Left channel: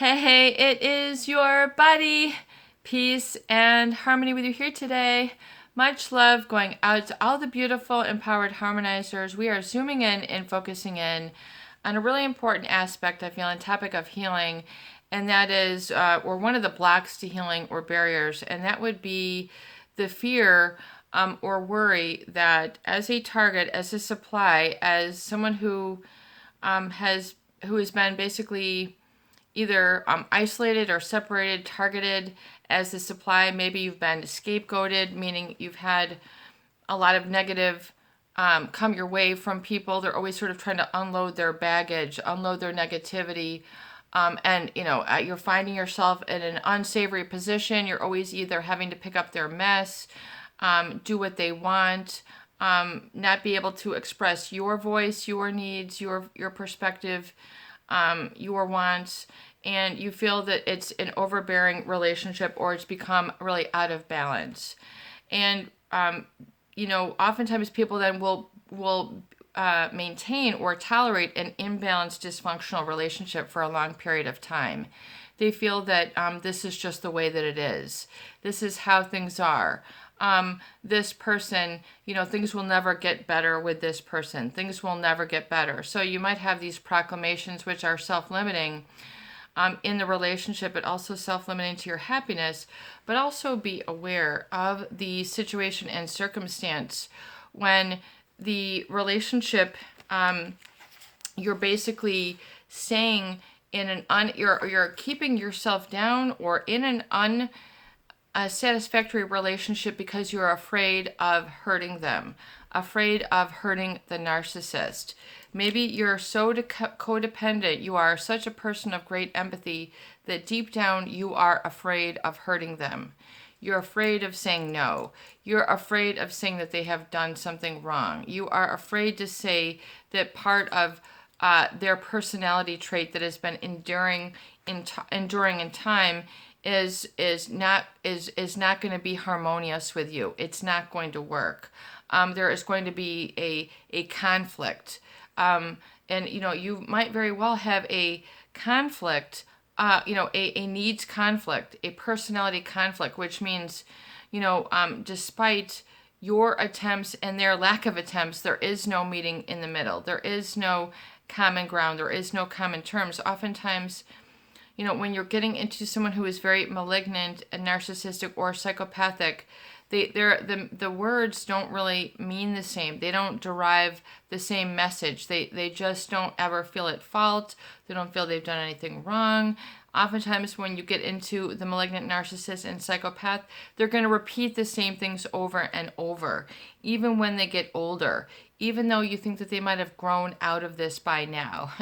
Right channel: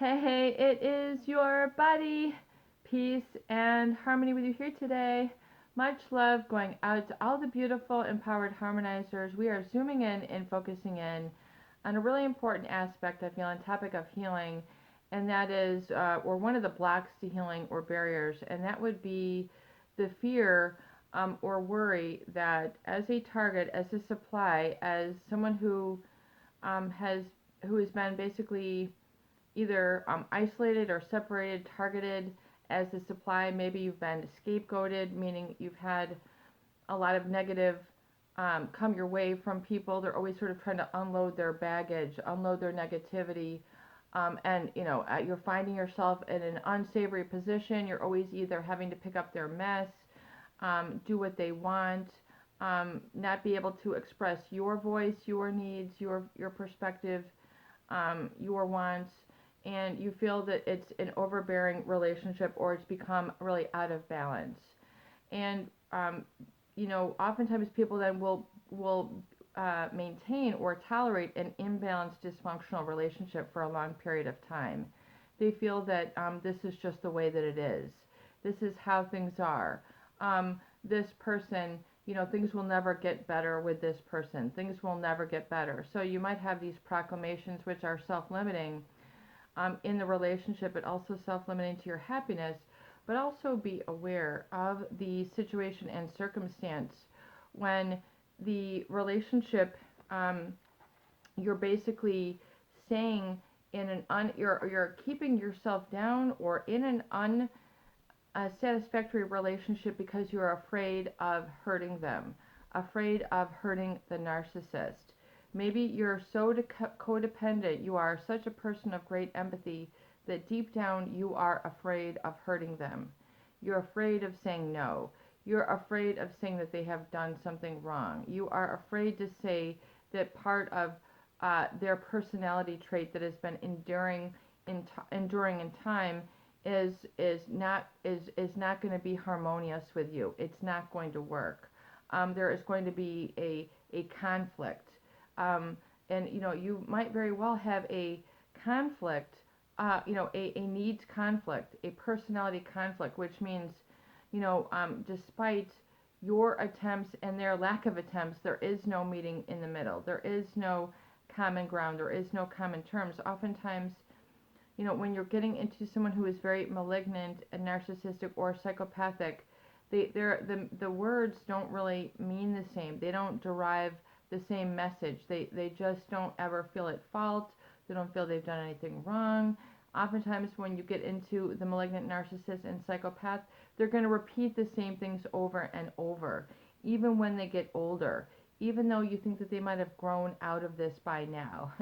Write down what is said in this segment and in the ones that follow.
Hey, it is your buddy. Peace and harmony with you here today. Much love going out to all the beautiful, empowered harmonizers. We are zooming in and focusing in on a really important aspect, I feel, on topic of healing, and that is, or one of the blocks to healing or barriers, and that would be the fear or worry that as a target, as a supply, as someone who has been basically either isolated or separated, targeted as the supply. Maybe you've been scapegoated, meaning you've had a lot of negative come your way from people. They're always sort of trying to unload their baggage, unload their negativity. And you're finding yourself in an unsavory position. You're always either having to pick up their mess, do what they want, not be able to express your voice, your needs, your perspective, your wants, and you feel that it's an overbearing relationship or it's become really out of balance. And oftentimes people then will maintain or tolerate an imbalanced, dysfunctional relationship for a long period of time. They feel that this is just the way that it is. This is how things are. This person, things will never get better with this person. Things will never get better. So you might have these proclamations which are self-limiting in the relationship, but also self-limiting to your happiness. But also be aware of the situation and circumstance when the relationship, you're basically saying you're keeping yourself down or in an unsatisfactory relationship because you're afraid of hurting them, afraid of hurting the narcissist. Maybe you're so codependent, you are such a person of great empathy that deep down you are afraid of hurting them. You're afraid of saying no. You're afraid of saying that they have done something wrong. You are afraid to say that part of their personality trait that has been enduring in time is not going to be harmonious with you. It's not going to work. There is going to be a conflict. And you might very well have a conflict, a needs conflict, a personality conflict, which means, despite your attempts and their lack of attempts, there is no meeting in the middle. There is no common ground. There is no common terms. Oftentimes, when you're getting into someone who is very malignant and narcissistic or psychopathic, the words don't really mean the same. They don't derive the same message. They just don't ever feel at fault. They don't feel they've done anything wrong. Oftentimes when you get into the malignant narcissist and psychopath, they're going to repeat the same things over and over, even when they get older, even though you think that they might have grown out of this by now,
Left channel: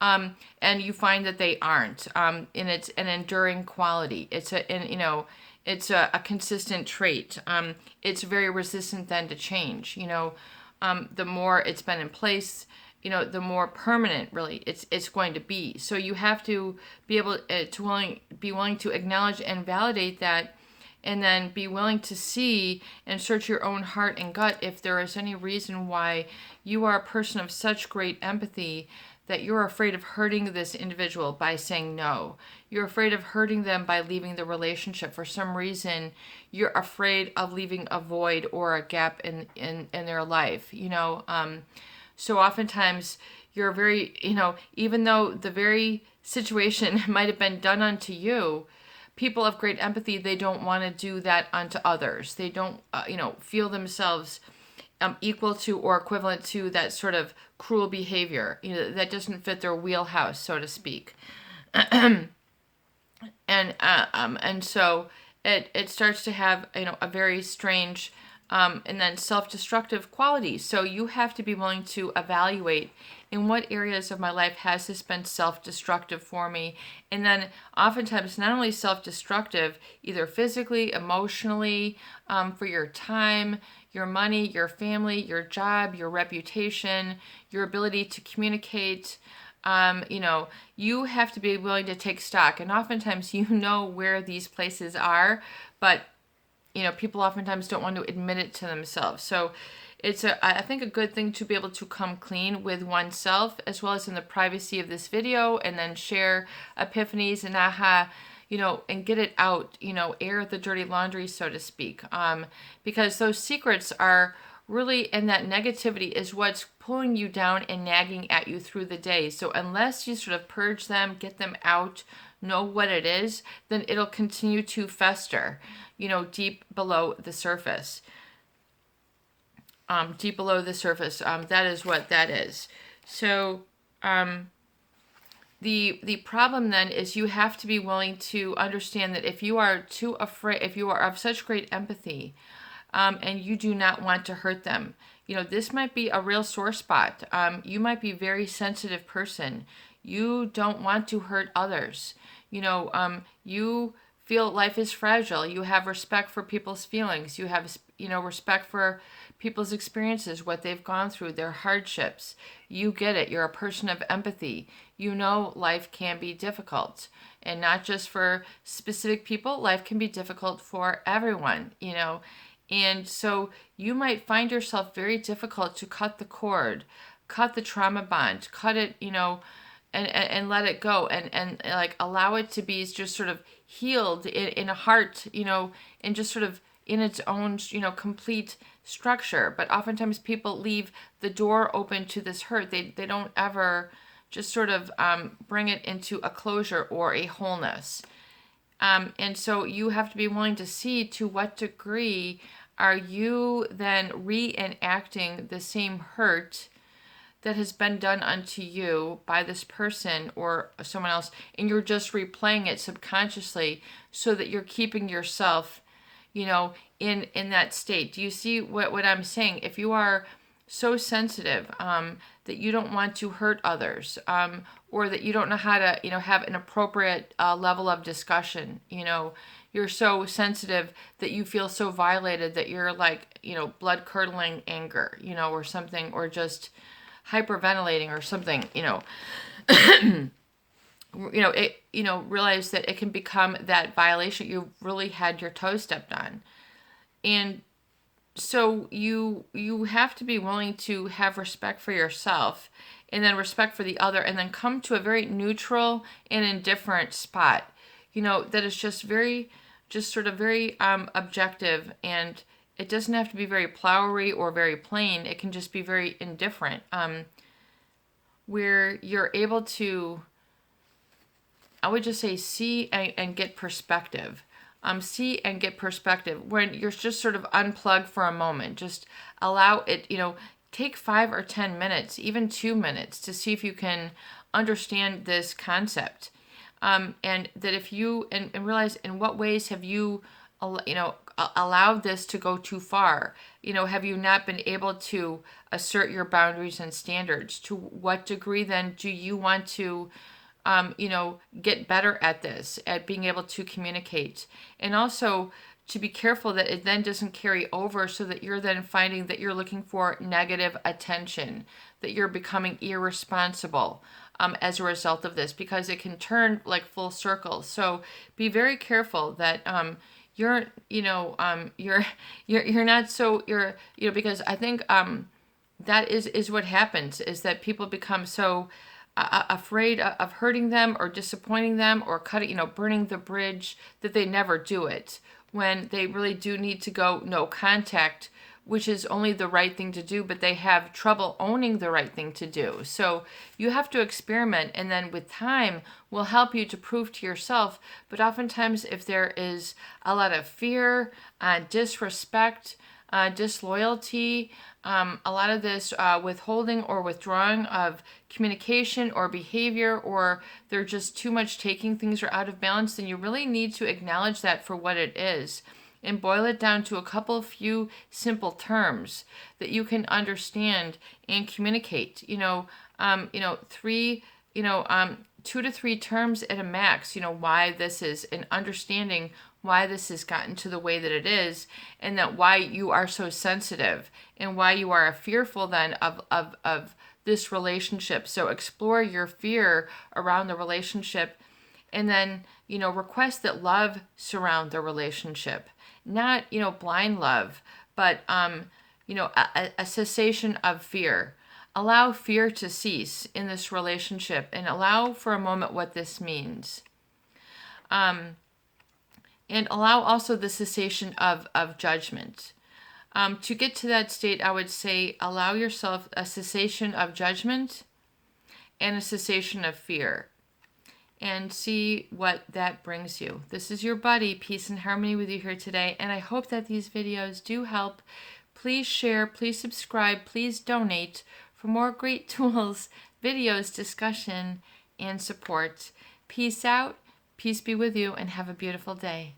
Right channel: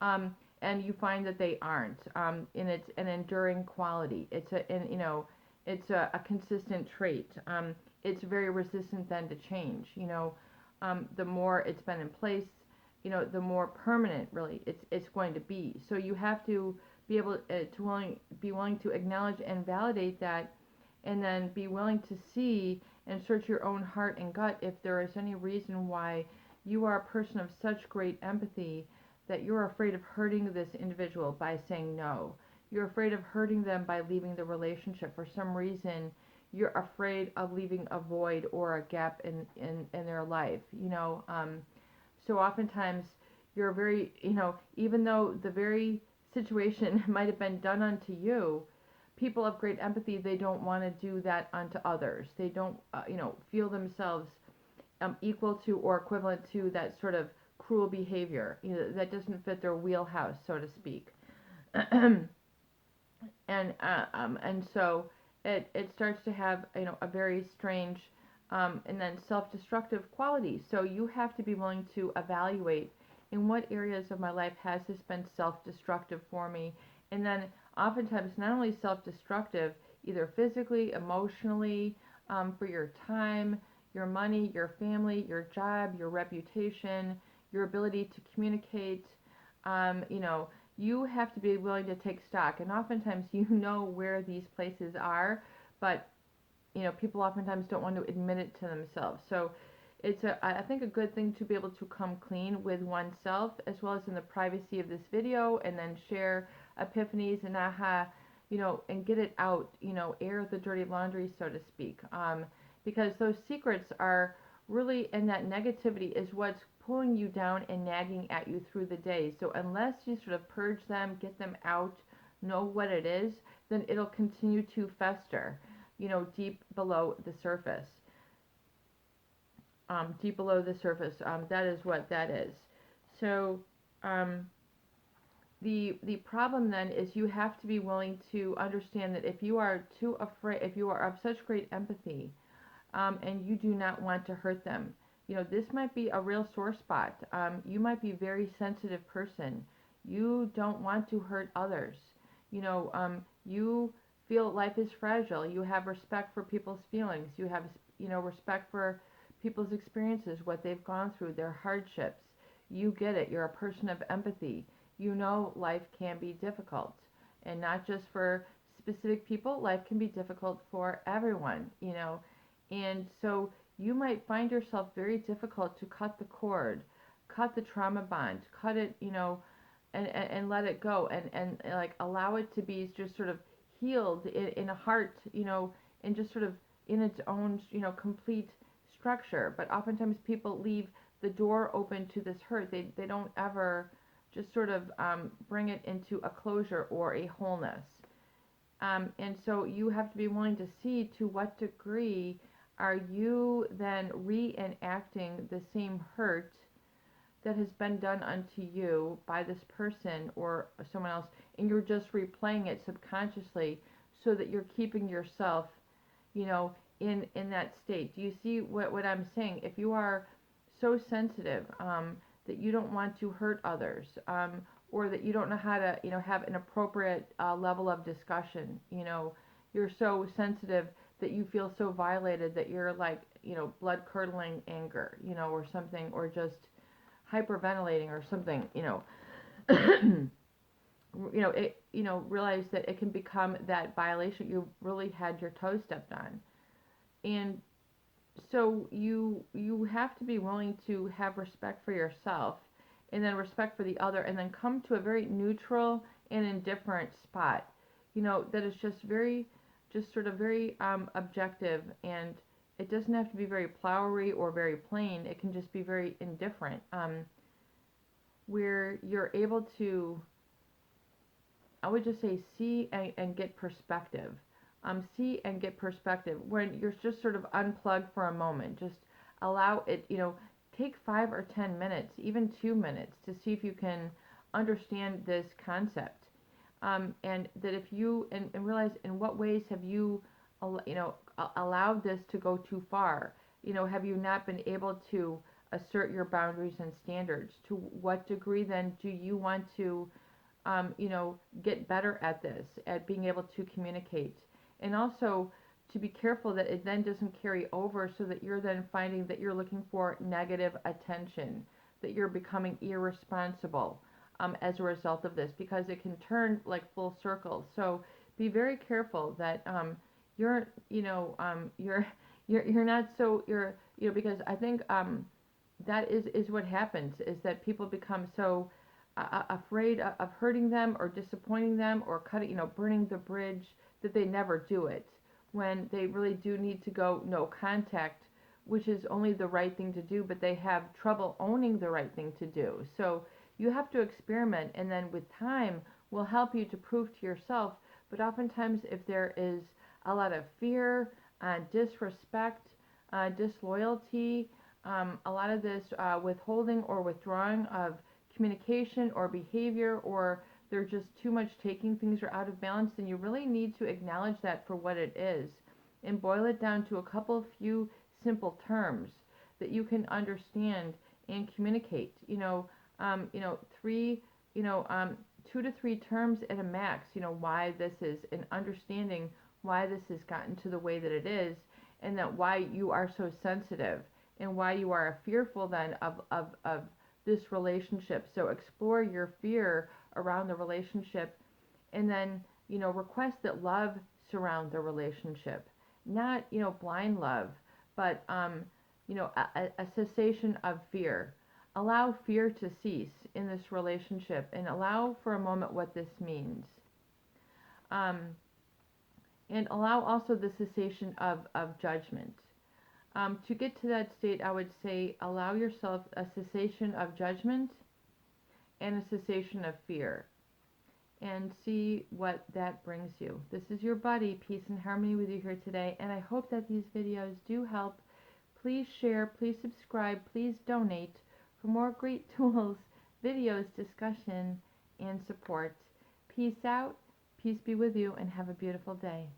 and you find that they aren't. And it's an enduring quality. It's a consistent trait. It's very resistant then to change. The more it's been in place, the more permanent really it's going to be. So you have to be able to be willing to acknowledge and validate that, and then be willing to see and search your own heart and gut if there is any reason why you are a person of such great empathy that you're afraid of hurting this individual by saying no. You're afraid of hurting them by leaving the relationship. For some reason, you're afraid of leaving a void or a gap in their life. So oftentimes you're very, even though the very situation might have been done unto you, people of great empathy, they don't want to do that unto others. They don't, feel themselves equal to or equivalent to that sort of cruel behavior. That doesn't fit their wheelhouse, so to speak. And so it starts to have a very strange and then self-destructive quality. So you have to be willing to evaluate in what areas of my life has this been self-destructive for me, and then oftentimes not only self-destructive, either physically, emotionally, for your time, your money, your family, your job, your reputation, your ability to communicate. You have to be willing to take stock. And oftentimes where these places are, but people oftentimes don't want to admit it to themselves. So I think a good thing to be able to come clean with oneself, as well as in the privacy of this video, and then share epiphanies and aha, and get it out, air the dirty laundry, so to speak. Because those secrets are really, and that negativity is what's pulling you down and nagging at you through the day. So unless you sort of purge them, get them out, know what it is, then it'll continue to fester, deep below the surface. Deep below the surface. That is what that is. So the problem then is you have to be willing to understand that if you are too afraid, if you are of such great empathy, and you do not want to hurt them, this might be a real sore spot. You might be a very sensitive person. You don't want to hurt others. You feel life is fragile. You have respect for people's feelings. You have, respect for people's experiences, what they've gone through, their hardships. You get it. You're a person of empathy. Life can be difficult. And not just for specific people. Life can be difficult for everyone, And so you might find yourself very difficult to cut the cord, cut the trauma bond, cut it, and let it go, and like allow it to be just sort of healed in a heart, and just sort of in its own, complete structure. But oftentimes people leave the door open to this hurt. They don't ever just sort of bring it into a closure or a wholeness. And so you have to be willing to see to what degree are you then reenacting the same hurt that has been done unto you by this person or someone else, and you're just replaying it subconsciously so that you're keeping yourself, in that state. Do you see what I'm saying? If you are so sensitive that you don't want to hurt others, or that you don't know how to, have an appropriate level of discussion, you're so sensitive that you feel so violated that you're like, blood curdling anger, or something, or just hyperventilating or something, realize that it can become that violation. You really had your toe stepped on. And so you have to be willing to have respect for yourself, and then respect for the other, and then come to a very neutral and indifferent spot, that is just sort of very objective, and it doesn't have to be very flowery or very plain. It can just be very indifferent, where you're able to, I would just say, see and get perspective. See and get perspective when you're just sort of unplugged for a moment. Just allow it, take 5 or 10 minutes, even 2 minutes, to see if you can understand this concept. And that if you, and realize in what ways have you, allowed this to go too far? Have you not been able to assert your boundaries and standards? To what degree then do you want to, get better at this, at being able to communicate? And also to be careful that it then doesn't carry over, so that you're then finding that you're looking for negative attention, that you're becoming irresponsible as a result of this, because it can turn like full circle. So be very careful that you're not so, because I think that is what happens, is that people become so afraid of hurting them or disappointing them or cutting, burning the bridge, that they never do it, when they really do need to go no contact, which is only the right thing to do, but they have trouble owning the right thing to do. So you have to experiment, and then with time will help you to prove to yourself. But oftentimes, if there is a lot of fear, disrespect, disloyalty, a lot of this withholding or withdrawing of communication or behavior, or they're just too much taking things are out of balance, then you really need to acknowledge that for what it is, and boil it down to a few simple terms that you can understand and communicate. 2 to 3 terms at a max. Why this is, and understanding why this has gotten to the way that it is, and that why you are so sensitive, and why you are fearful then of this relationship. So explore your fear around the relationship, and then, request that love surround the relationship. Not, blind love, but a cessation of fear. Allow fear to cease in this relationship and allow for a moment what this means. And allow also the cessation of judgment. To get to that state, I would say allow yourself a cessation of judgment and a cessation of fear. And see what that brings you. This is your buddy, Peace and Harmony, with you here today. And I hope that these videos do help. Please share, please subscribe, please donate for more great tools, videos, discussion, and support. Peace out, peace be with you, and have a beautiful day.